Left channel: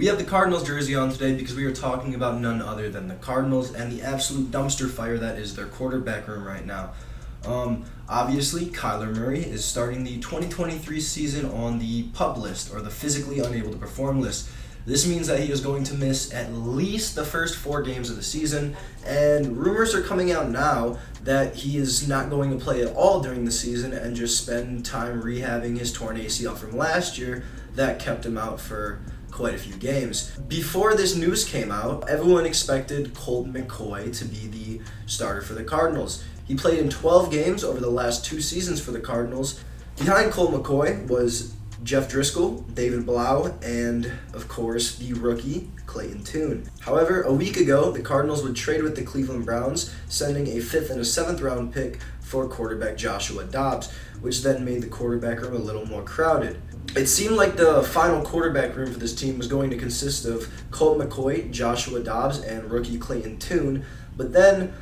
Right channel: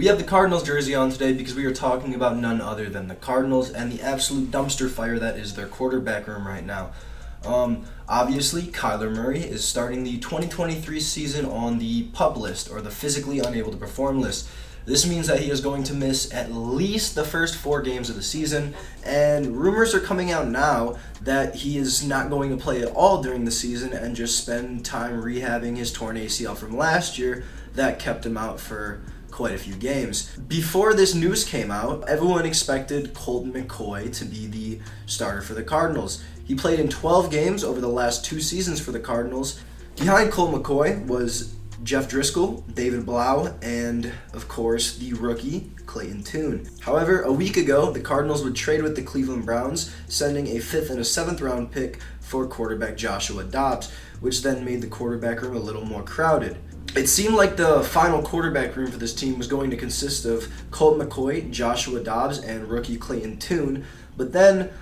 We have the Cardinals jersey on today because we are talking about none other than the Cardinals and the absolute dumpster fire that is their quarterback room right now. Obviously, Kyler Murray is starting the 2023 season on the PUP list, or the physically unable to perform list. This means that he is going to miss at least the first 4 games of the season, and rumors are coming out now that he is not going to play at all during the season and just spend time rehabbing his torn ACL from last year that kept him out for quite a few games. Before this news came out, everyone expected Colt McCoy to be the starter for the Cardinals. He played in 12 games over the last 2 seasons for the Cardinals. Behind Colt McCoy was Jeff Driscoll, David Blau, and, of course, the rookie, Clayton Tune. However, a week ago, the Cardinals would trade with the Cleveland Browns, sending a 5th and a 7th round pick for quarterback Joshua Dobbs, which then made the quarterback room a little more crowded. It seemed like the final quarterback room for this team was going to consist of Colt McCoy, Joshua Dobbs, and rookie Clayton Tune, but then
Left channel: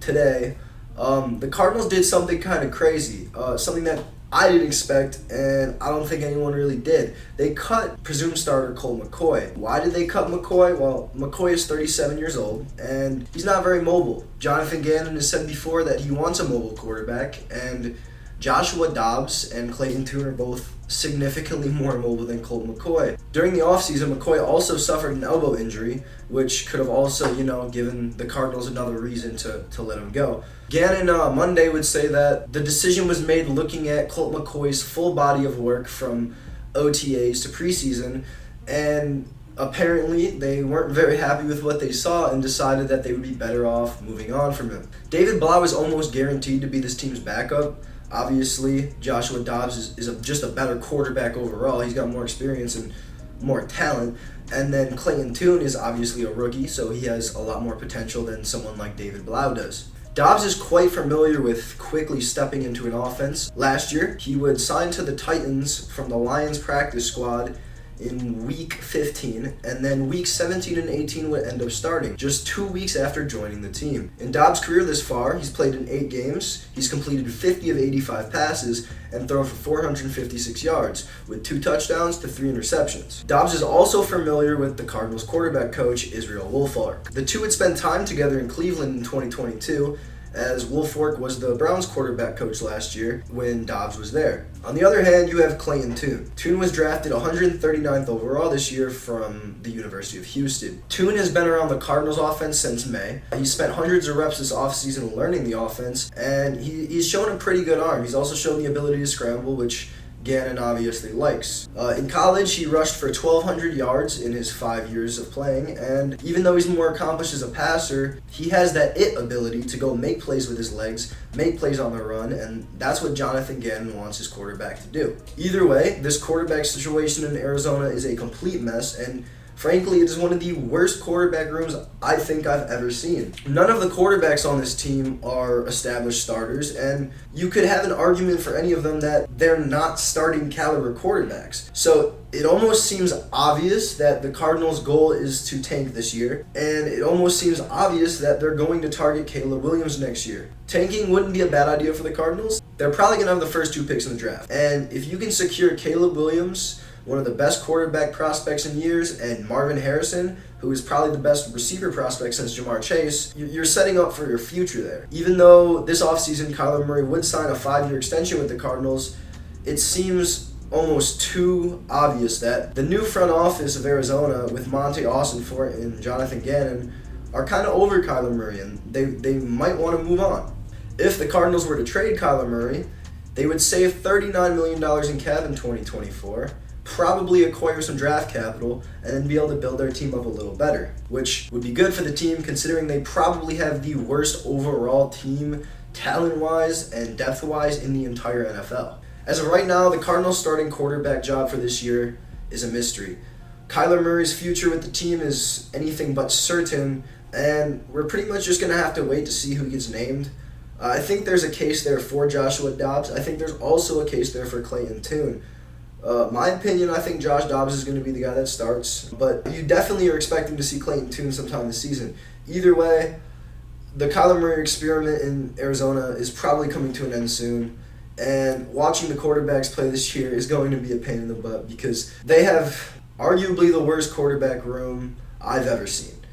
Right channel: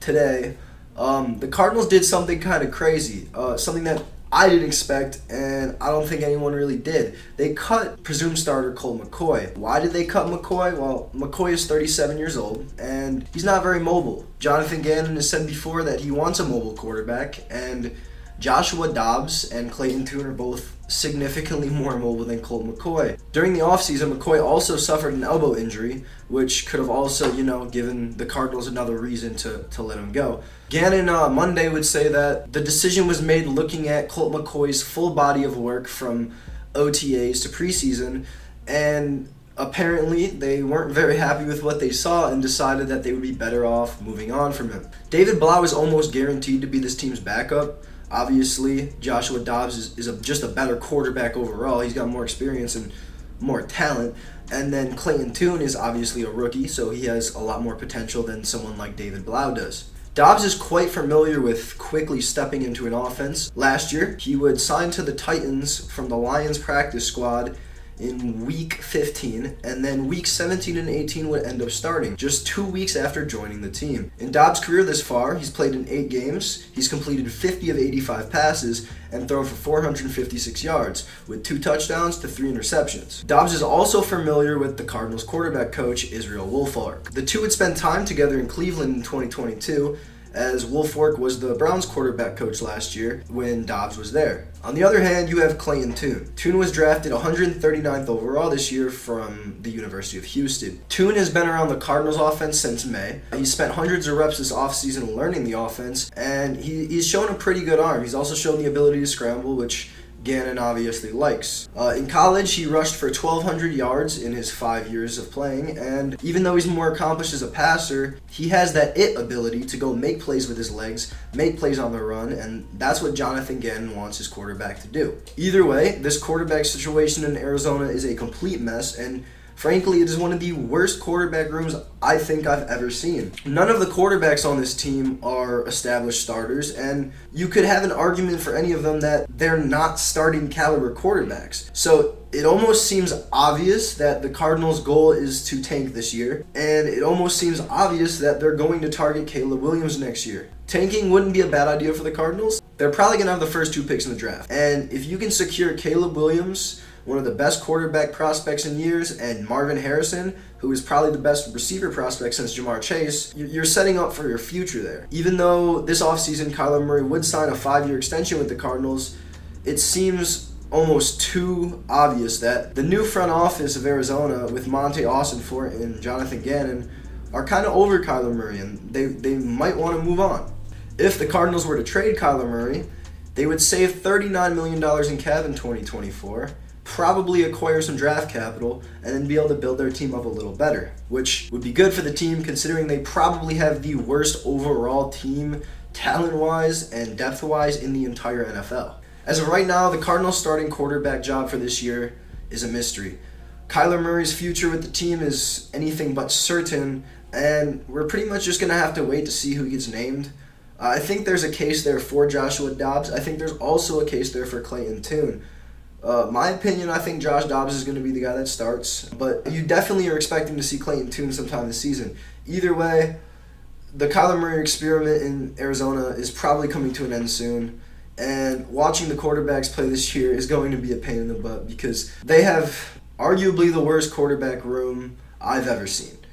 today, the Cardinals did something kind of crazy, something that I didn't expect, and I don't think anyone really did. They cut presumed starter Colt McCoy. Why did they cut McCoy? Well, McCoy is 37 years old, and he's not very mobile. Jonathan Gannon has said before that he wants a mobile quarterback, and Joshua Dobbs and Clayton Tune are both significantly more mobile than Colt McCoy. During the offseason, McCoy also suffered an elbow injury, which could have also, given the Cardinals another reason to let him go. Gannon Monday would say that the decision was made looking at Colt McCoy's full body of work from OTAs to preseason, and apparently they weren't very happy with what they saw and decided that they would be better off moving on from him. David Blau is almost guaranteed to be this team's backup. Obviously, Joshua Dobbs is just a better quarterback overall. He's got more experience and more talent. And then Clayton Tune is obviously a rookie, so he has a lot more potential than someone like David Blau does. Dobbs is quite familiar with quickly stepping into an offense. Last year, he would sign to the Titans from the Lions practice squad in week 15, and then week 17 and 18 would end up starting, just 2 weeks after joining the team. In Dobbs' career this far, he's played in 8 games, he's completed 50 of 85 passes, and thrown for 456 yards, with 2 touchdowns to 3 interceptions. Dobbs is also familiar with the Cardinals quarterback coach, Israel Wolfark. The two would spend time together in Cleveland in 2022, as Wolfark was the Browns quarterback coach last year when Dobbs was there. On the other hand, you have Clayton Tune. Tune was drafted 139th overall this year from the University of Houston. Tune has been around the Cardinals offense since May. He's spent hundreds of reps this offseason learning the offense, and he's shown a pretty good arm. He's also shown the ability to scramble, which Gannon obviously likes. In college, he rushed for 1,200 yards in his 5 years of playing, and even though he's more accomplished as a passer, he has that it ability to go make plays with his legs, make plays on the run, and that's what Jonathan Gannon wants his quarterback to do. Either way, this quarterback situation in Arizona is a complete mess, and frankly, it is one of the worst quarterback rooms I think I've ever seen. None of the quarterbacks on this team are established starters, and you could have an argument for any of them that they're not starting caliber quarterbacks. So it almost seems obvious that the Cardinals' goal is to tank this year, and it almost seems obvious that they're going to target Caleb Williams next year. Tanking wouldn't be a bad idea for the Cardinals. They're probably going to have the first 2 picks in the draft, and if you can secure Caleb Williams, one of the best quarterback prospects in years, and Marvin Harrison, who is probably the best receiver prospect since Jamar Chase, you're setting up for your future there. Even though this offseason Kyler Murray would sign a 5-year extension with the Cardinals, it seems almost too obvious that the new front office of Arizona with Monte Austinfort and Jonathan Gannon are kind of over Kyler Murray, and they might want to move on. If the Cardinals were to trade Kyler Murray, they would save $39 million in cap in 2024, probably acquire some draft capital, and then be able to build their team up a little better, which would be good for the team considering they probably have the worst overall team talent-wise and depth-wise in the entire NFL. As of right now, the Cardinals' starting quarterback job for this year is a mystery. Kyler Murray's future with the team is anything but certain, and we're pretty much just going to have to wait to see who gets named. I think there's a case there for Joshua Dobbs. I think there's also a case there for Clayton Tune. My opinion, I think Josh Dobbs is going to be the guy that starts, but you definitely are expecting to see Clayton Tune sometime this season. Either way, the Kyler Murray experiment in Arizona is probably coming to an end soon, and watching the quarterbacks play this year is going to be a pain in the butt because they have arguably the worst quarterback room I've ever seen.